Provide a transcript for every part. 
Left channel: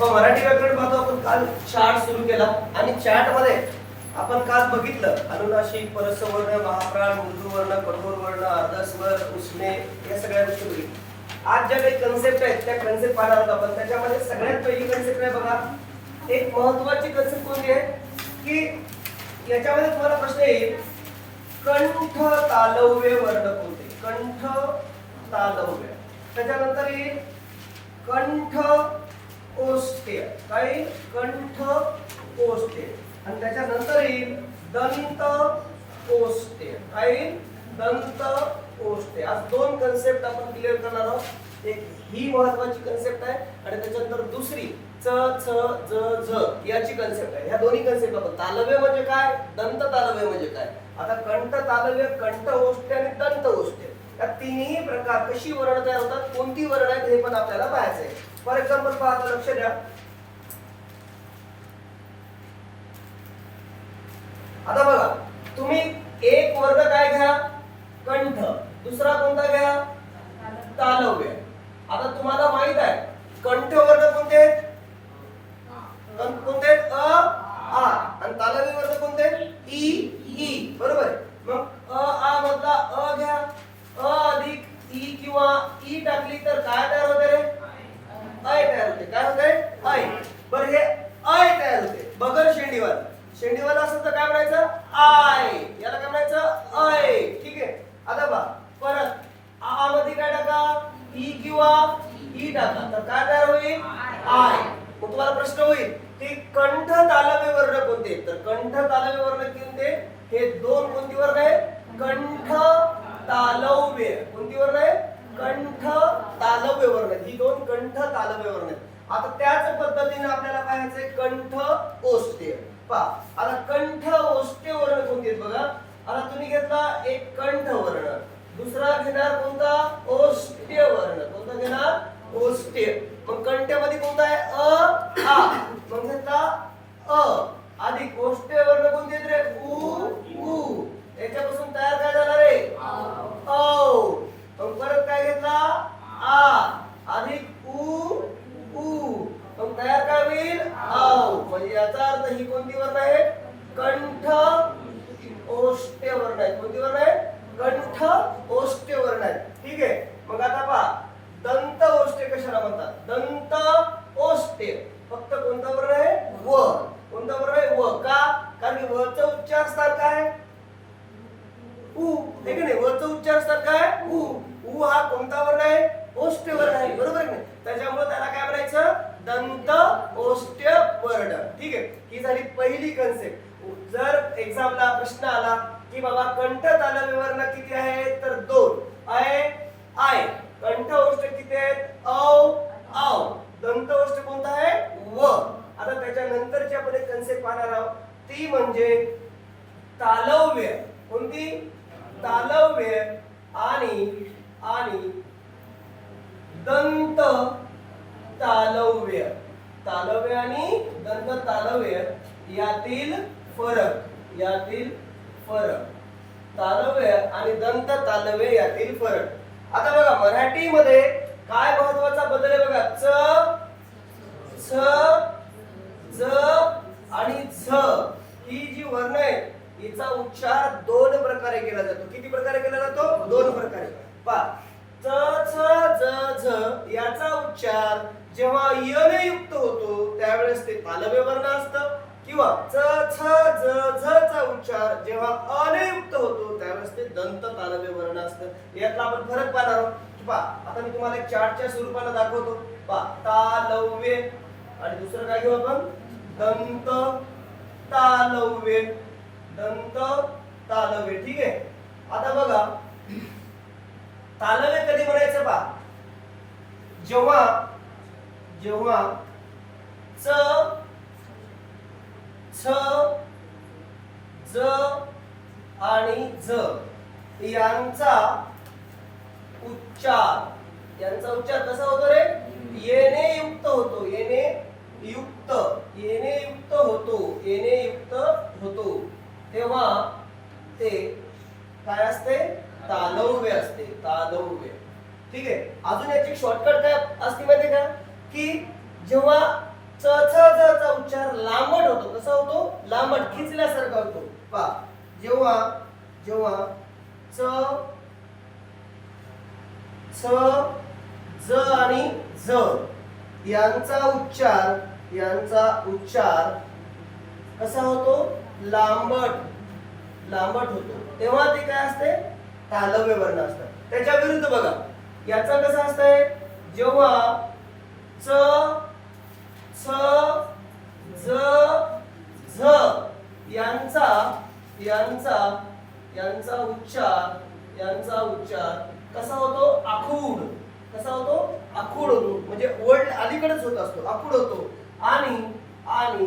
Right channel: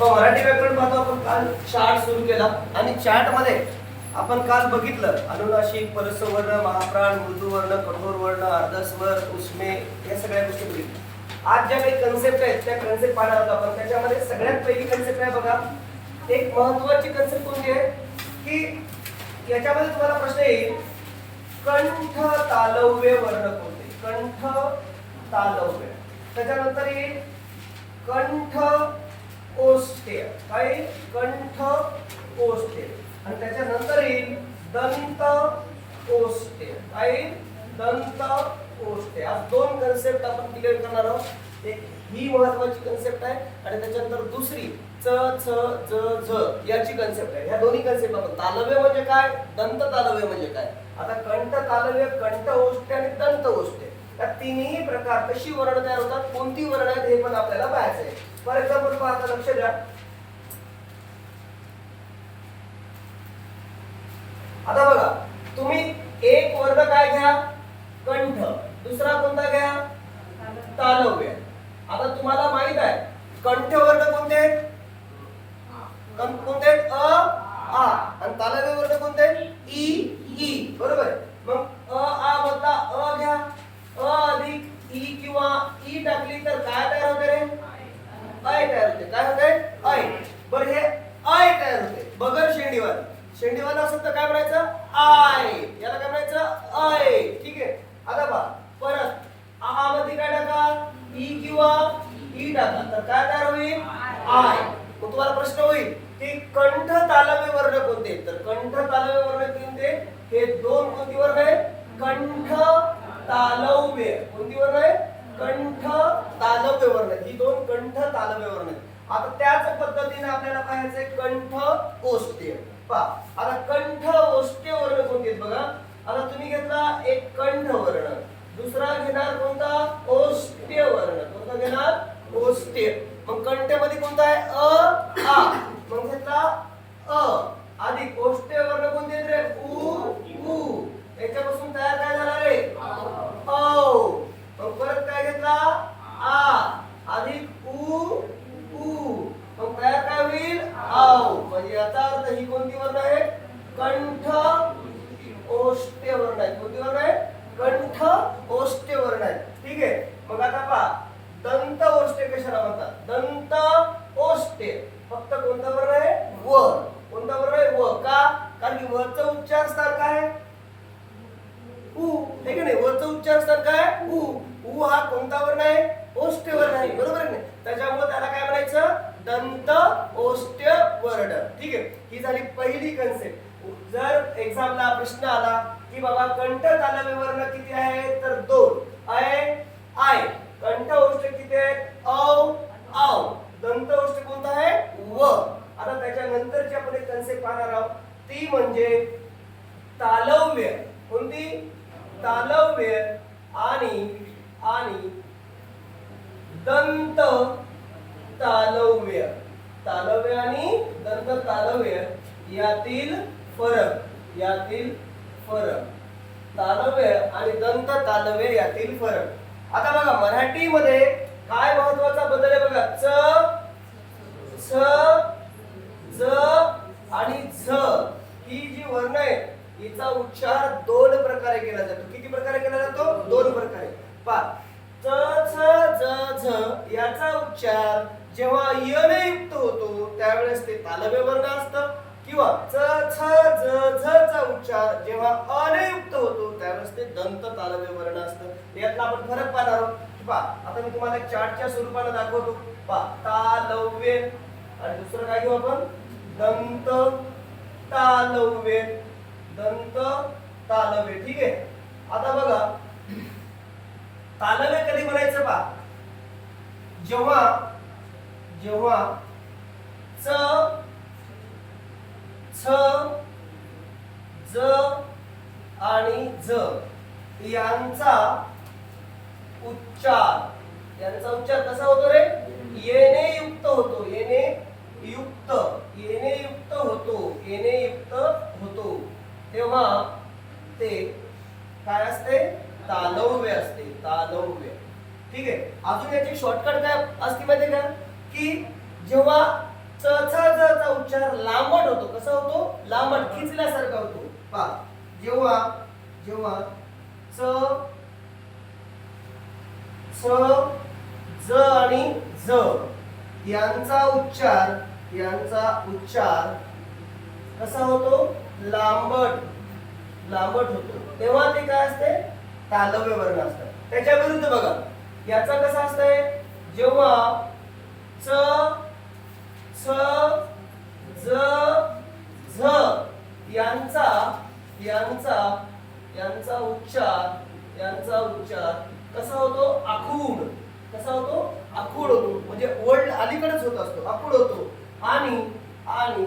मराठी व्याकरण पाहतो. आपण काल चार्ट सुरू केला आणि चार्टमध्ये आपण काल बघितलं. अनुनाशिक परसवर्ण महाप्राण मृदुवर्ण कठोर वर्ण अर्धस्वर उष्णे या सगळ्या गोष्टी बघितल्या. आज ज्या काही कन्सेप्ट आहेत त्या कन्सेप्ट पाहणार आहोत आपण. त्याच्यामध्ये सगळ्यात पहिली कन्सेप्ट आहे बघा? एक महत्वाची कन्सेप्ट कोणती आहे? की याच्यामध्ये तुम्हाला प्रश्न येईल कंठ तालव्य वर्ण कोणते? कंठ तालव्य. त्याच्यानंतर येईल कंठ कोष्टे काय? कंठ ओष्ठ्य आणि त्याच्यानंतर येईल दंत कोष्टे काय? येईल? दंत कोष्टे आज दोन कन्सेप्ट आपण क्लिअर करणार आहोत. एक ही महत्वाची कन्सेप्ट आहे आणि त्याच्यानंतर दुसरी च छ ज झ याची कन्सेप्ट आहे. ह्या दोन्ही कन्सेप्ट आपण. तालव्य म्हणजे काय? दंत तालव्य म्हणजे काय? आता कंठ तालव्य कंठ ओष्ठ्य आणि दंत ओष्ठ्य या तिन्ही प्रकार कशी वर्ण तयार होतात? कोणती वर्ण आहेत हे पण आपल्याला पाहायचं आहे. फॉर एक्झाम्पल पाहता लक्ष द्या. आता बघा तुम्ही एक वर्ण काय घ्या? कंठ. दुसरा कोणता घ्या? तालव्य. आता तुम्हाला माहीत आहे कंठ वर्ण कोणते? कोणते? आहेत? अ आ. आणि तालव्य वर्ण कोणते आहेत? ई ई बरोबर आहे. मग अ आ मधला अ घ्या अ अधिक ई किंवा ई टाकली तर काय तयार होते रे अय तयार होते काय होते अय बरं हे अय तयार होते बगर शेंडीवाला शेंडीवाला असेल तर काय म्हणायचं आय याला काय म्हणायचं अय ठीक आहे आता बा परत आ मध्ये काय टाका ई किंवा ई तर काय तयार होईल? आय. मग तुम्हाला प्रश्न होईल की कंठ तालव्य वर्ण कोणते? तर कंठ तालव्य वर्ण कोणते हे दोन कोणती वर्ण आहे कंठ तालव्य. कोणती वर्ण आहे कंठ तालव्य वर्ण. ही दोन कंठ तालव्य वर्ण आहेत. आता त्याच पद्धतीने आपल्याला पाहायचंय कंठ ओष्ठ्य. पहा आता कंठ ओष्ठ्य वर्ण कोणते बघा? आता तुम्ही घेतला एक कंठ वर्ण. दुसरा घेणार कोणता? ओष्ठ्य वर्ण. कोणता घेणार? ओष्ठ्य मग कंठ्यामध्ये कोणता आहे? अ आ. मग घेतला अ. अधिक ओष्ठ्य वर्ण कोणते आहेत रे उ उ. याच्यापासून तयार काय झाला रे औ मग परत काय घेतला आ अधिक उ उ मग तयार काय होईल आव म्हणजे याचा अर्थ ही कोणती वर्ण आहे कंठ ओष्ठ्य वर्ण आहे कोणती वर्ण आहे कंठ ओष्ठ्य वर्ण आहे ठीक आहे मग आता पहा दंत ओष्ठ्य कशाला म्हणतात? दंत ओष्टे फक्त कोणता वर्ण आहे? व कोणता वर्ण आहे? व. का? कारण की वचा उच्चार स्थान काय? आहे? उ. हे की नाही? वचा उच्चार स्थान काय? उ. उ हा कोणता वर्ण आहे? ओष्ट वर्ण आहे. बरोबर आहे नाही? त्याच्यामुळे त्याला काय म्हणायचं? दंत ओष्ट वर्ण. ठीक आहे? ही झाली पहिली कन्सेप्ट जर एक्झामला प्रश्न आला की बाबा कंठ तालव्य व्यवहार किती आहे? तर दोन. आय आय. कंठ किती आहेत? औ औ. दंत कोणता आहे? व. आता त्याच्यानंतरची आपण एक कन्सेप्ट पाहणार आहोत. ती म्हणजे तालव्य. कोणती? तालव्य आणि आणि दंत तालव्य. तालव्य आणि दंत तालव्य यातील फरक. यातील फरक. तालव्य आणि दंत तालव्य यातील फरक. आता बघा मराठीमध्ये काय महत्त्वाचा बदल आहे बघा? च स ज आणि झ ही जी वर्ण आहेत हिचा उच्चार दोन प्रकारे केला जातो किती प्रकारे केला जातो दोन प्रकारे पहा च छ ज झ याचा उच्चार जेव्हा यने युक्त होतो त्यावेळेस ते तालव्य वर्ण असतं किंवा च छ ज झ चा उच्चार जेव्हा अनयुक्त होतो. त्यावेळेस ते दंत तालव्य वर्ण असतं. यातला आपण फरक पाहणार आहोत. पा आता मी तुम्हाला एक चार्टच्या स्वरूपाने दाखवतो. पा तालव्य. आणि दुसरं काय घेऊ आपण? दंत तालव्य. दंत तालव्य. ठीक आहे? आता बघा. तालव्य कधी म्हणायचं पा जेव्हा जेव्हा च छ ज आणि ज यांचा उच्चार. यांचा उच्चार कसा होतो रे? येणे युक्त होतो. येणे युक्त. येणे युक्त होतो. येणे युक्त होतो. तेव्हा ते काय असते? तालव्य असते. तालव्य. ठीक आहे? अजून याची शॉर्टकट काय असते माहिती का? की जेव्हा च चा उच्चार लांबट होतो कसा होतो? लांबट खिचल्यासारखा होतो. पहा. जेव्हा जेव्हा च छ ज आणि ज यांचा उच्चार यांचा उच्चार कसा होतो? लांबट लांबट होतो. तेव्हा ते काय असते? तालव्य वर्ण असतात त्याच्या विरुद्ध बघा. याचा कसा असतंय? जेव्हा च छ ज झ यांचा यांचा यांचा उच्चार यांचा उच्चार कसा होतो आखूड कसा होतो आखूड होतो. म्हणजे ओल्ड अलीकडेच होत असतो. आखूड होतो. आणि आणि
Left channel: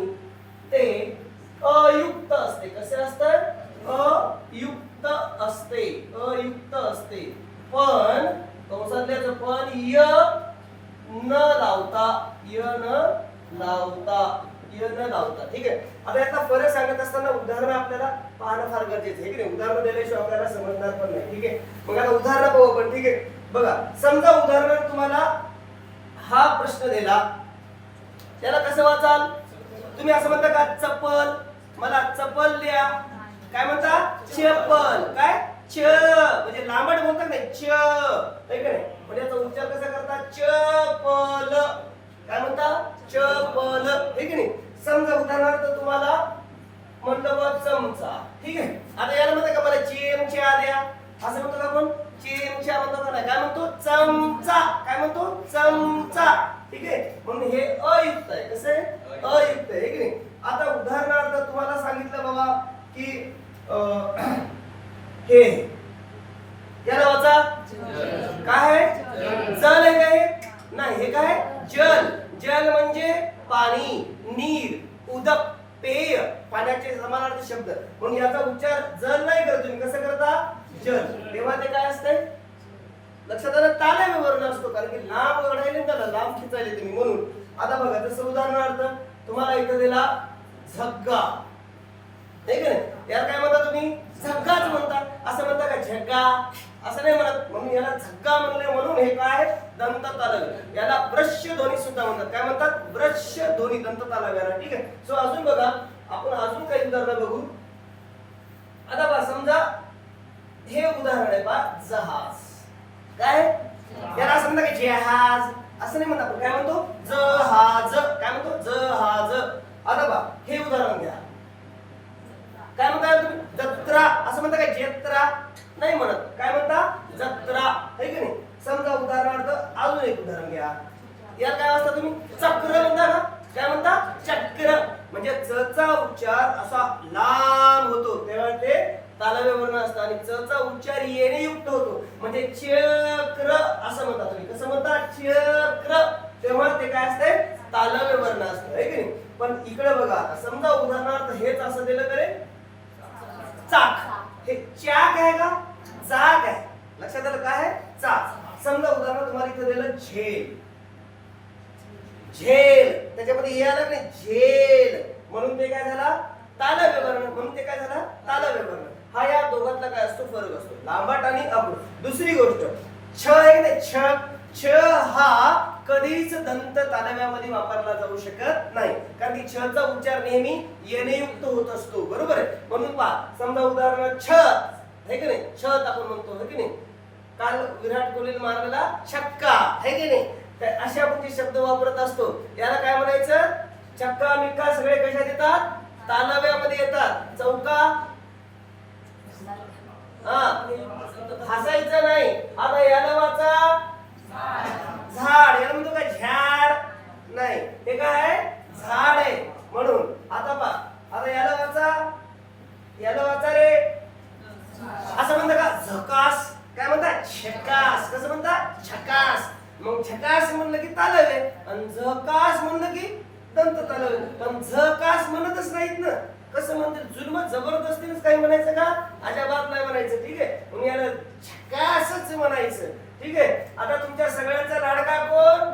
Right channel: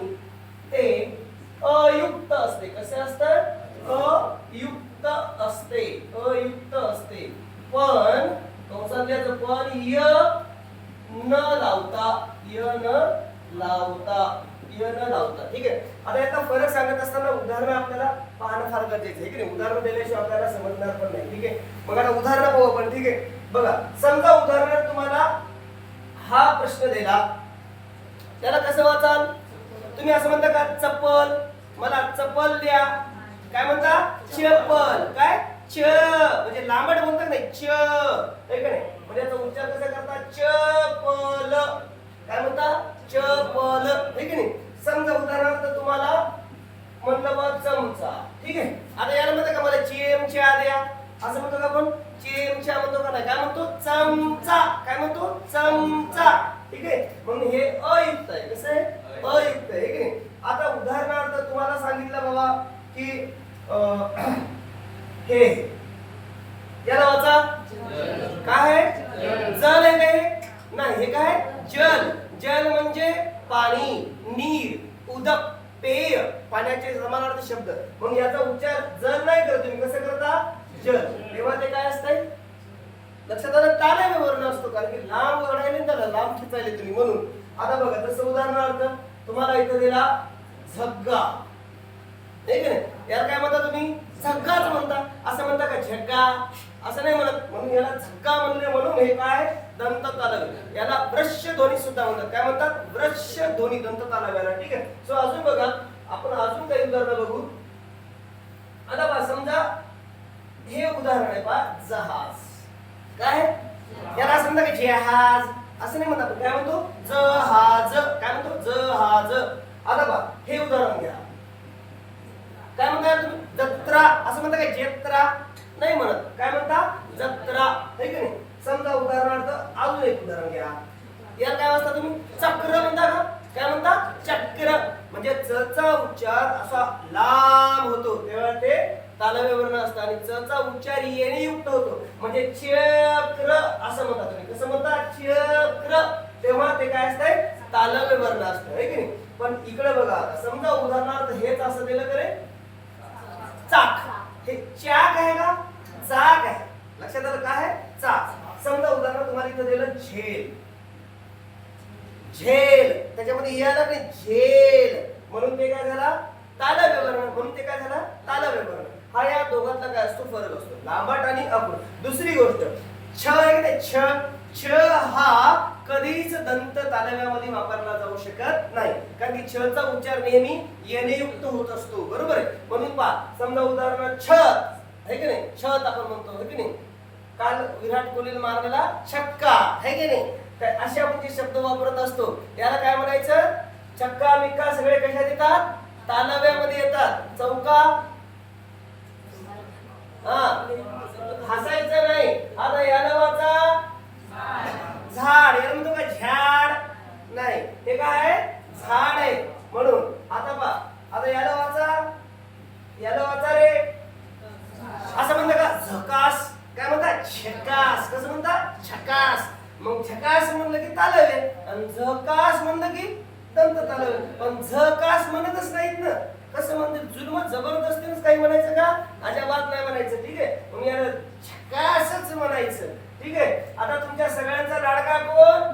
ते अयुक्त असते. कसे असतात? अयुक्त असते. अयुक्त असते. पण कंसातल्याचं पण य न लावता य न लावता य न लावता. ठीक आहे? आता याचा फरक सांगत असताना उदाहरण आपल्याला पाहणं फार गरजेचं आहे. की नाही उदाहरण दिल्याशिवाय आपल्याला समजणार पण नाही. ठीक आहे? मग आता उदाहरणं पाहू आपण. ठीक आहे? बघा समजा उदाहरण तुम्हाला हा प्रश्न दिला. त्याला कसं वाचाल? तुम्ही असं म्हणता का चप्पल? मला चप्पल द्या. काय म्हणता? चप्पल. काय? च. म्हणजे लांबट बोलतात नाही च. आहे नाही? म्हणजे याचा उच्चार कसा करता? चपल. काय म्हणता? चपल. आहे नाही? समजा उदाहरणार्थ तुम्हाला म्हणलं बा चमचा. ठीक आहे? आता याला म्हणतं का मला चिमच्या द्या. असं म्हणतो का आपण? चिमच्या म्हणतो का नाही काय म्हणतो? चमचा. काय म्हणतो? चमचा. ठीक आहे? म्हणून हे अयुक्त आहे. कसं आहे? अयुक्त. आहे की नाही? आता उदाहरणार्थ तुम्हाला सांगितलं बाबा की हे. याला वाचा. काय आहे? जल. आहे काय? नाही हे काय जल. जल म्हणजे पाणी नीर उदक पेय पाण्याचे समानार्थ शब्द. म्हणून याचा उच्चार जल नाही करत. तुम्ही कसं करता? जल तेव्हा ते काय असतंय? लक्षात आलं ताल्या विवरण असतो कारण की लांब ओढायला त्याला लांब खिचायले तुम्ही म्हणून. आता बघा जसं उदाहरणार्थ तुम्हाला इथं दिला झग्गा. नाही का नाही? याला काय म्हणता तुम्ही? झग्गाच म्हणता. असं म्हणता का झग्गा? असं नाही म्हणत. म्हणून याला झग्गा म्हणले म्हणून हे काय? दंत तालव्य याला वृश्य ध्वनी सुद्धा म्हणतात. काय म्हणतात? वृश्य ध्वनी दंत तालव्याला ठीक आहे? सो अजून बघा आपण अजून काही उदाहरणं बघू. आता बघा समजा हे उदाहरण आहे बा जहाज. काय? याला असं म्हणतात की जहाज. असं नाही म्हणतात काय म्हणतो? जहाज. काय म्हणतो? जहाज. आता बा हे उदाहरण घ्या. काय म्हणता तुम्ही? जत्रा. असं म्हणता काय? जत्रा. नाही म्हणत. काय म्हणता? जत्रा. है की नाही? समजा उदाहरणार्थ अजून एक उदाहरण घ्या. याला काय वाजता तुम्ही? चक्र म्हणता ना? काय म्हणता? चक्र. म्हणजे चा उच्चार असा लांब होतो. तेव्हा ते तालव्य वर्ण असतं आणि च चा उच्चार येणे युक्त होतो. म्हणजे चक्र असं म्हणतात तुम्ही. कसं म्हणतात चक्र. तेव्हा ते काय असतंय? तालव्य वर्ण असतं. आहे की नाही? पण इकडे बघा समजा उदाहरणार्थ हेच असं दिलं तरी चाक. हे चाक आहे का? चाक आहे. लक्षात आलं काय आहे? चाक. समजा उदाहरण तुम्हाला इथं दिलं झेल. झेल. त्याच्यामध्ये हे आलं नाही झेल. म्हणून ते काय झाला? तालव्यवर्ण म्हणून ते काय झालं? तालव्यवर्ण हा या दोघांतला काय असतो फरक असतो. लांबट आणि अपूर्ण दुसरी गोष्ट छ आहे नाही छ छ हा कधीच दंत तालव्यामध्ये वापरला जाऊ शकत नाही. कारण की छ चा उच्चार नेहमी येणेयुक्त होत असतो. बरोबर आहे? म्हणून पहा समजा उदाहरणार्थ छत आहे की नाही? छत आपण म्हणतो आहे की नाही? काल विराट कोहली मारलेला छक्का आहे की नाही? असे आपण जे शब्द वापरत असतो. याला काय म्हणायचं? छक्का मिक्का सगळे कशात येतात? तालव्यामध्ये येतात. चौका हा. हसायचं नाही. आता याला वाचा झाड. याला म्हणतो का झाड नाही. ते काय आहे? झाड आहे. म्हणून. आता पा आता याला वाचा याला वाचा रे? असं म्हणतं का? झकास. काय म्हणतात छकास कसं म्हणतात छकास मग छकास म्हणलं की तालवे आणि झकास म्हणलं की दंत तालवे पण झकास म्हणतच नाहीत ना. कसं म्हणते जुलम जबरदस्तीच काही म्हणायचं का? अजाबात नाही म्हणायचं ठीक आहे? मग याला छकासच म्हणायचं ठीक आहे? आता तुमच्या सगळ्यांचा लाडका कोण?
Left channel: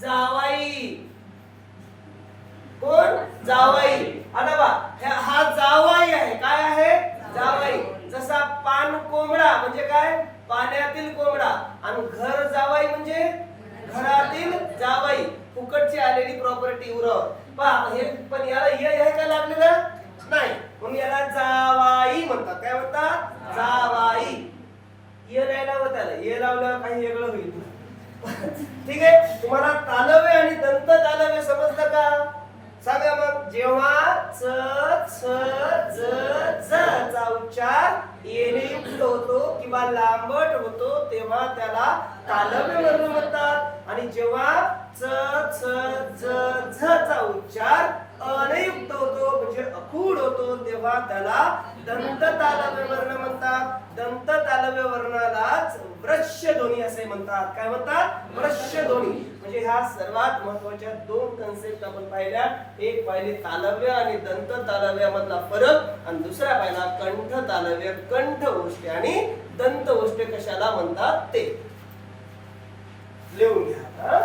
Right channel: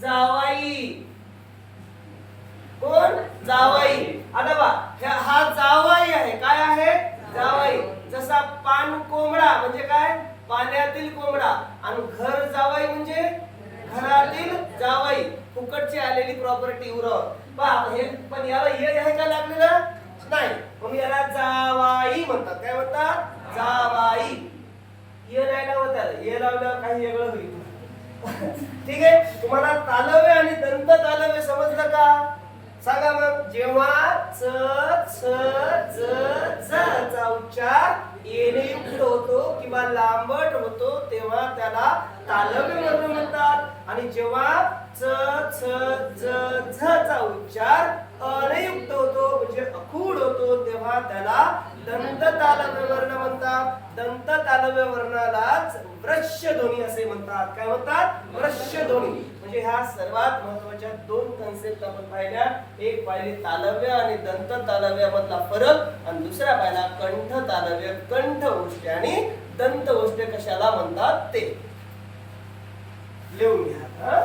जावाई. कोण? जावाई. आता बा ह्या- हा जावाई आहे. काय आहे? जावाई. जसा पान कोंबडा म्हणजे काय? पाण्यातील कोंबडा. आणि घर जावाई म्हणजे घरातील जावाई. फुकटची आलेली प्रॉपर्टी उरव. पहा हे पण याला हे आहे का लागलेलं? नाही. मग याला जावाई म्हणतात. काय म्हणतात? जावाई. ये नाही लावत आलं. ये लावल्यावर काही वेगळं होईल. ठीक आहे? तुम्हाला तालव्य आणि दंत तालव्य समजलं का? सांगा मग. जेव्हा च च ज ज चा उच्चार येणे युक्त होतो किंवा लांबट होतो तेव्हा त्याला तालव्य वर्ण म्हणतात. आणि जेव्हा च छ ज झ चा उच्चार अनयुक्त होतो म्हणजे अखूड होतो. तेव्हा त्याला दंत तालव्य वर्ण म्हणतात. दंत तालव्य वर्णालाच वृश्य ध्वनी असे म्हणतात. काय म्हणतात? वृश्य ध्वनी. म्हणजे ह्या सर्वात महत्त्वाच्या दोन कन्सेप्ट आपण पाहिल्या. एक पाहिले तालव्य आणि दंत तालव्यामधला फरक. आणि दुसरा पाहिला कंठ तालव्य कंठ गोष्टी आणि दंत गोष्टी कशाला म्हणतात? ते. लिहून घ्या